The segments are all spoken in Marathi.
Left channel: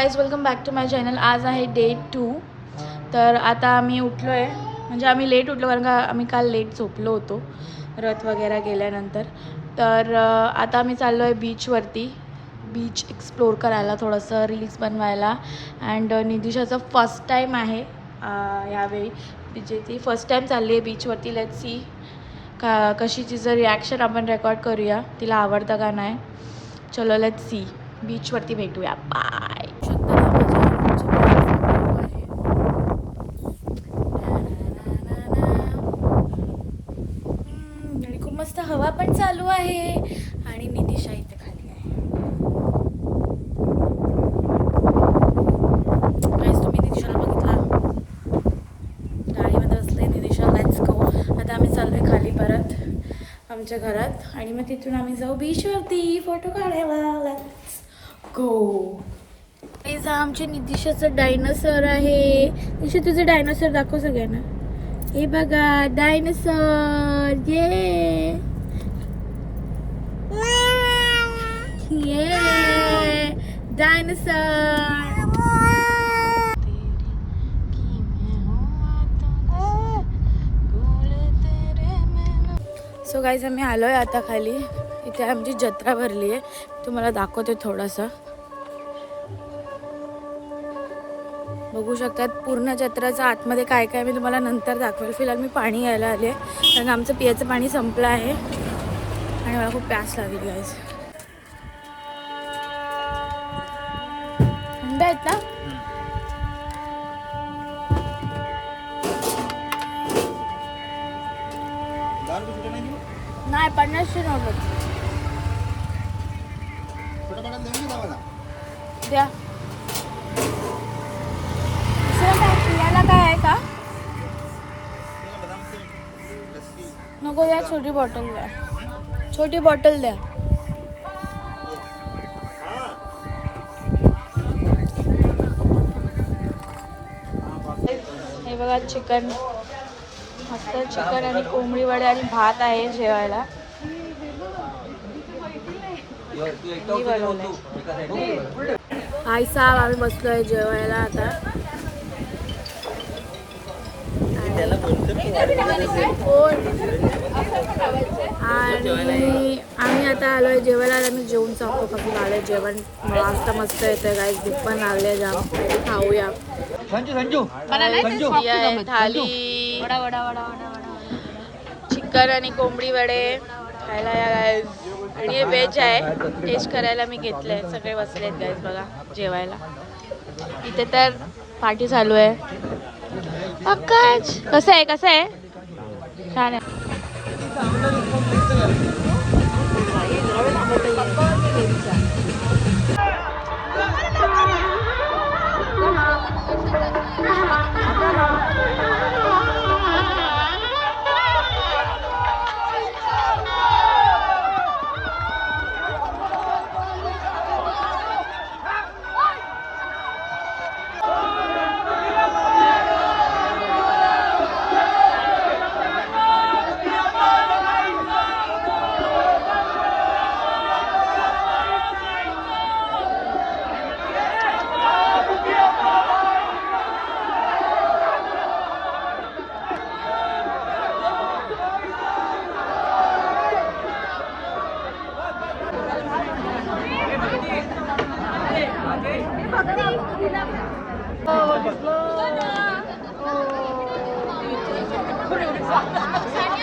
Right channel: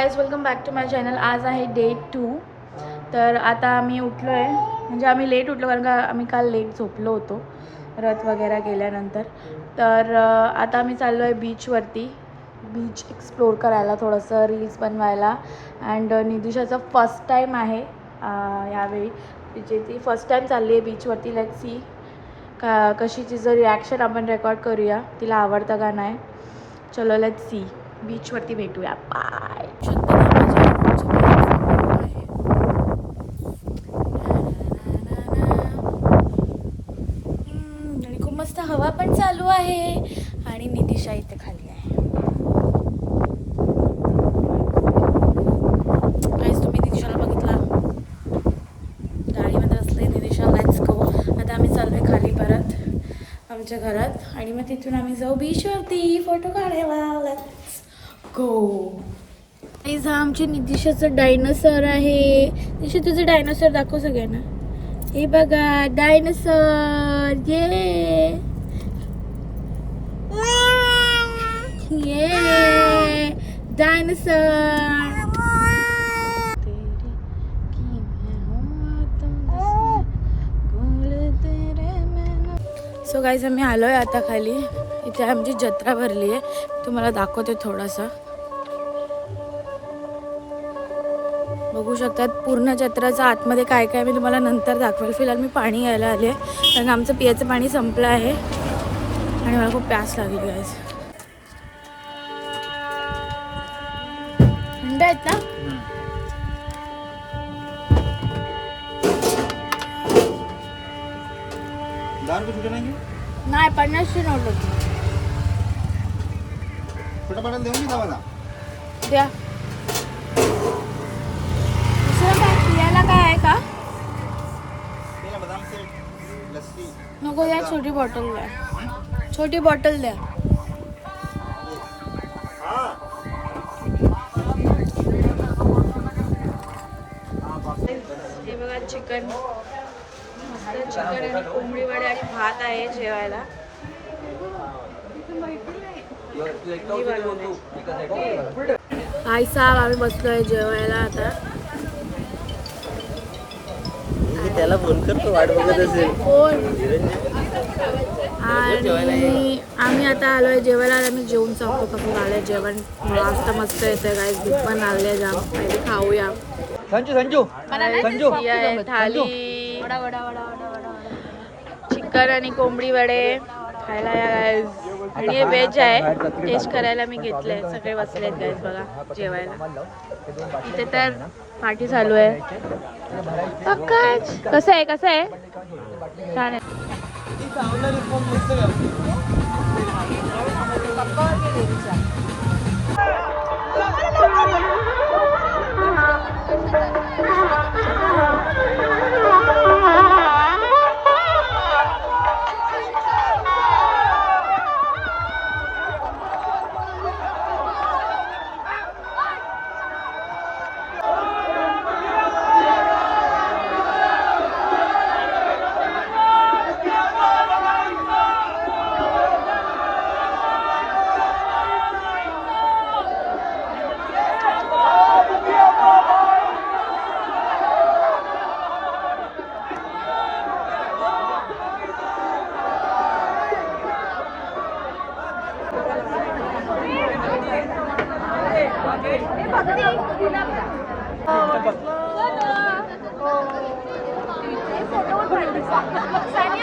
Guys welcome back to my channel. आज आहे डे 2. तर आता आम्ही उठलो आहे, म्हणजे आम्ही लेट उठलो कारण का आम्ही काल लेट झोपलो होतो रथ वगैरे गेल्यानंतर. तर आता आम्ही चाललो आहे बीचवरती, बीच एक्सप्लोर करायला, थोडंसं रील्स बनवायला. अँड निदिशाचं फर्स्ट टाईम आहे यावेळी, तिचे ती फर्स्ट टाईम चालली आहे बीचवरती. लेट्स सी कशी तिचं रिॲक्शन आपण रेकॉर्ड करूया, तिला आवडतं का नाही. चलो लेट्स सी, बीचवरती भेटूया. बाय. आणि खूप मस्त हवा पण चालू आहे आणि निदिशा इथे खाली आहे. तुम्ही निदिशाला बघितला, गाडीमध्ये बसले निदिशा. Let's go. आता आम्ही चाललोय खाली परत आमच्या घरात आणि मग तिथून आम्ही जाऊ बीचवरती फोटो काढायला. Let's go. आमची निदिशाचं डायनोसॉर आहे. निदिशा तुझं डायनोसॉर दाखव सगळ्यांना. हे बघा डायनोसॉर. ये डायनोसॉर. सो गाईज आम्ही आलोय आता खाली. इथे आमची जत्रा भरली आहे, तुम्हाला दाखवते थोडासा. बघू शकतात पूर्ण जत्राचा आतमध्ये काय काय मी तुम्हाला नंतर दाखवेल. फिलहाल मी पाणी घ्यायला आले कारण आमचं पियाचं पाणी संपलं आहे आणि मला खूप प्यास लागली गाईज. थंड आहेत ना. नाही 50ची नोट होती. द्या. पियाला काय आहे का नको. या छोटी बॉटल द्या, छोटी बॉटल द्या. हे बघा चिकन, मस्त चिकन आणि कोंबडी वडे आणि भात आहे जेवायला. मी बनवलंय. आई साहेब आम्ही बसलोय जेवायला आता. त्याला फोन करतो, वाट बघत असेल. आणि आम्ही आता आलोय जेवायला. आम्ही जेवून सांगतो कसं झालंय जेवण. वाजता मस्त येतंय गाईस, भूक पण लागले जाम. पहिले खाऊया. थाली चिकन आणि कोंबडी वडे खायला या गाईस. आणि हे व्हेज आहे, टेस्ट करायला मी घेतलंय. सगळे बसलेत गाईस बघा जेवायला. इथे तर पार्टी चालू आहे. कसं आहे कसं आहे, छान आहे.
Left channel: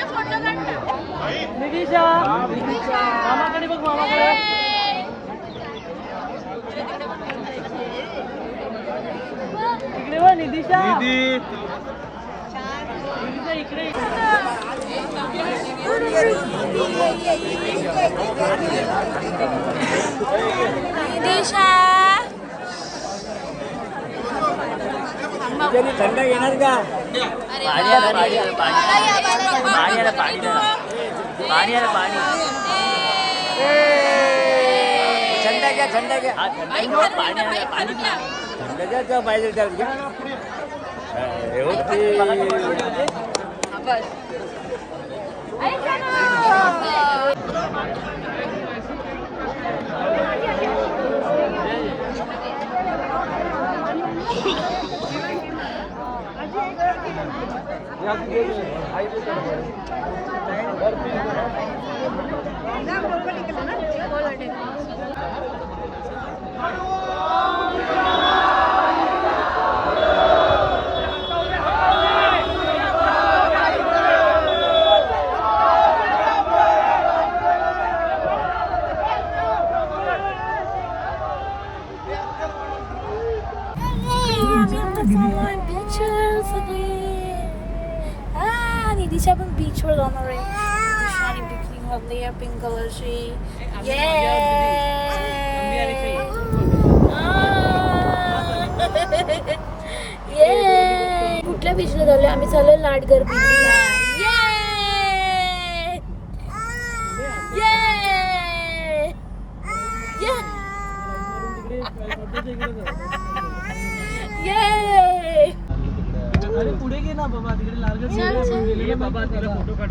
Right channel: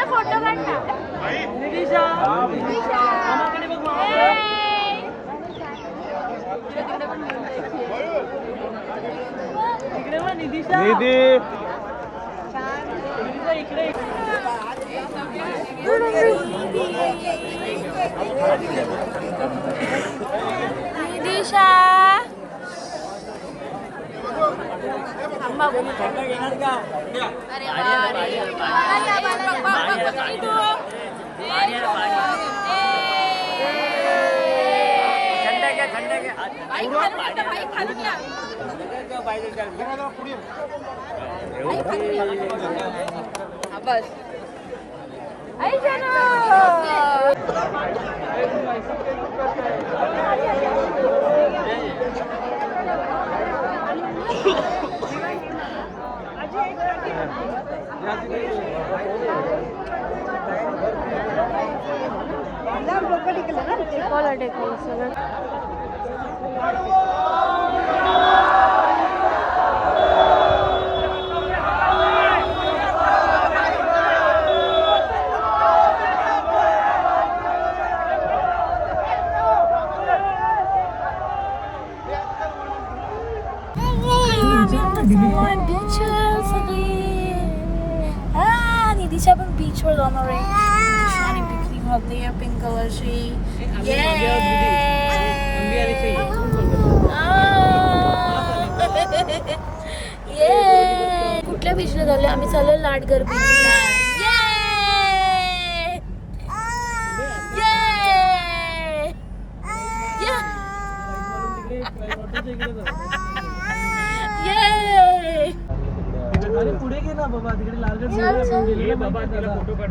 फोटो काढ ना निदिशा. मामाकडे बघ, मामाकडे. इकडे बघ निदिशा. निदिशा इकडे. निदिशा थंड घेणार का. अरे थंड घ्या, थंड घ्या. पाहिजे निधीच्या पण बीचवर जाणार आहे आणि पिकनिक घातली पिंक कलरची. कुठल्या बीचला झालं? आम्ही चाललो लाडगर बीचला. पुढे गे ना बाबा, तिकडे लालगड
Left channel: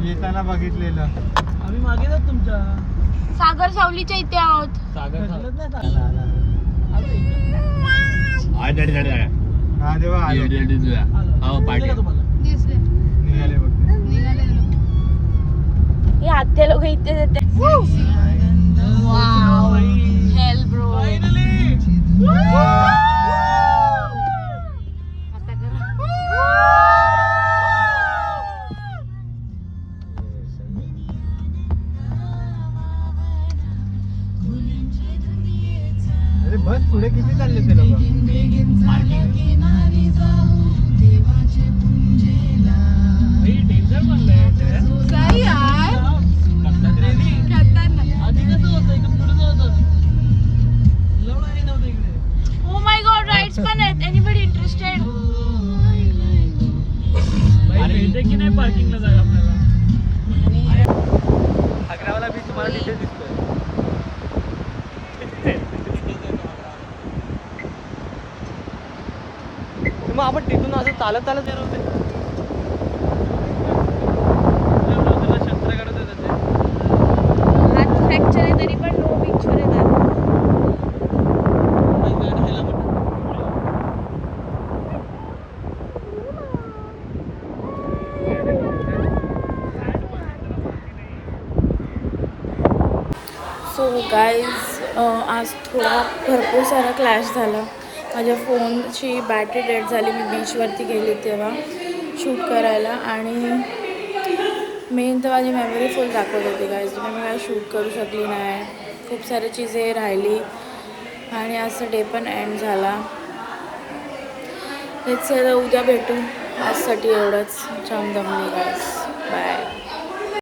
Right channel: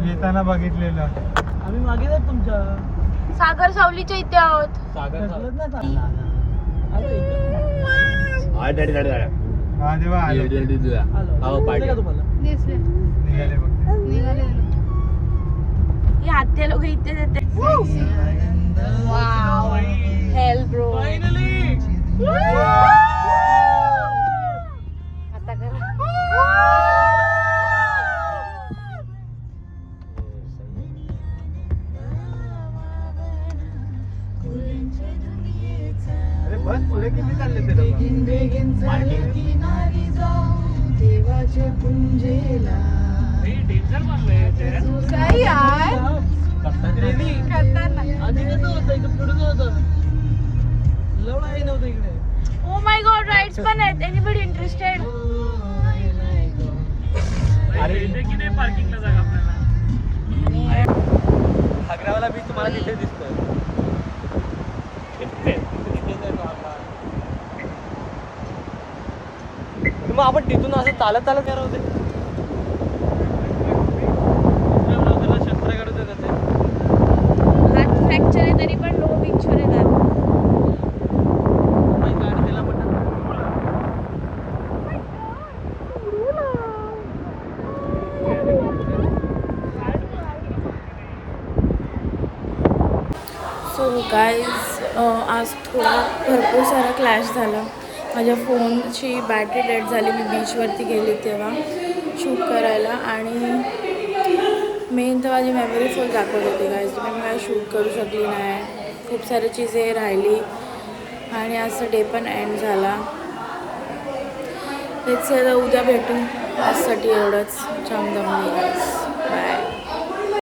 येताना बघितलेलं आम्ही मागे जात तुमच्या सागर सावलीच्या इथे आहोत. निघाले बघ हे आत्या लोक इथे देतात. Hell bro. अरे बस पुढे किती चालले ते डेंजर म्हणलंय आधी कसं होतं एकदम पुढे होतं लवडा आहे नव्हतं इकडे. ओ माय गॉड, राईड्स पण आहेत. Anybody interested? अरे इथे की नाही पार्किंगला जागा आपल्याला. अकरावाला बीच मग आपण तिथून असं चालत चालत येणार होते. हात फ्रॅक्चर आहे तरी पण नो बीचवर येतात. सो गाईज आज थोडा भरपूर सारा क्लॅश झाला. माझ्या फोनची बॅटरी डेड झाली. मी बीचवरती गेली तेव्हा शूट करायला आणि मेन तर माझी मेमरी फुल दाखवत होती गाईज. मी काय शूट करू शकली नाही. खूप सारी चीजे राहिली आणि आजचा डे पण एंड झाला. तेच आता उद्या भेटू. आजसाठी एवढंच. जाम दमली गाईज. बाय.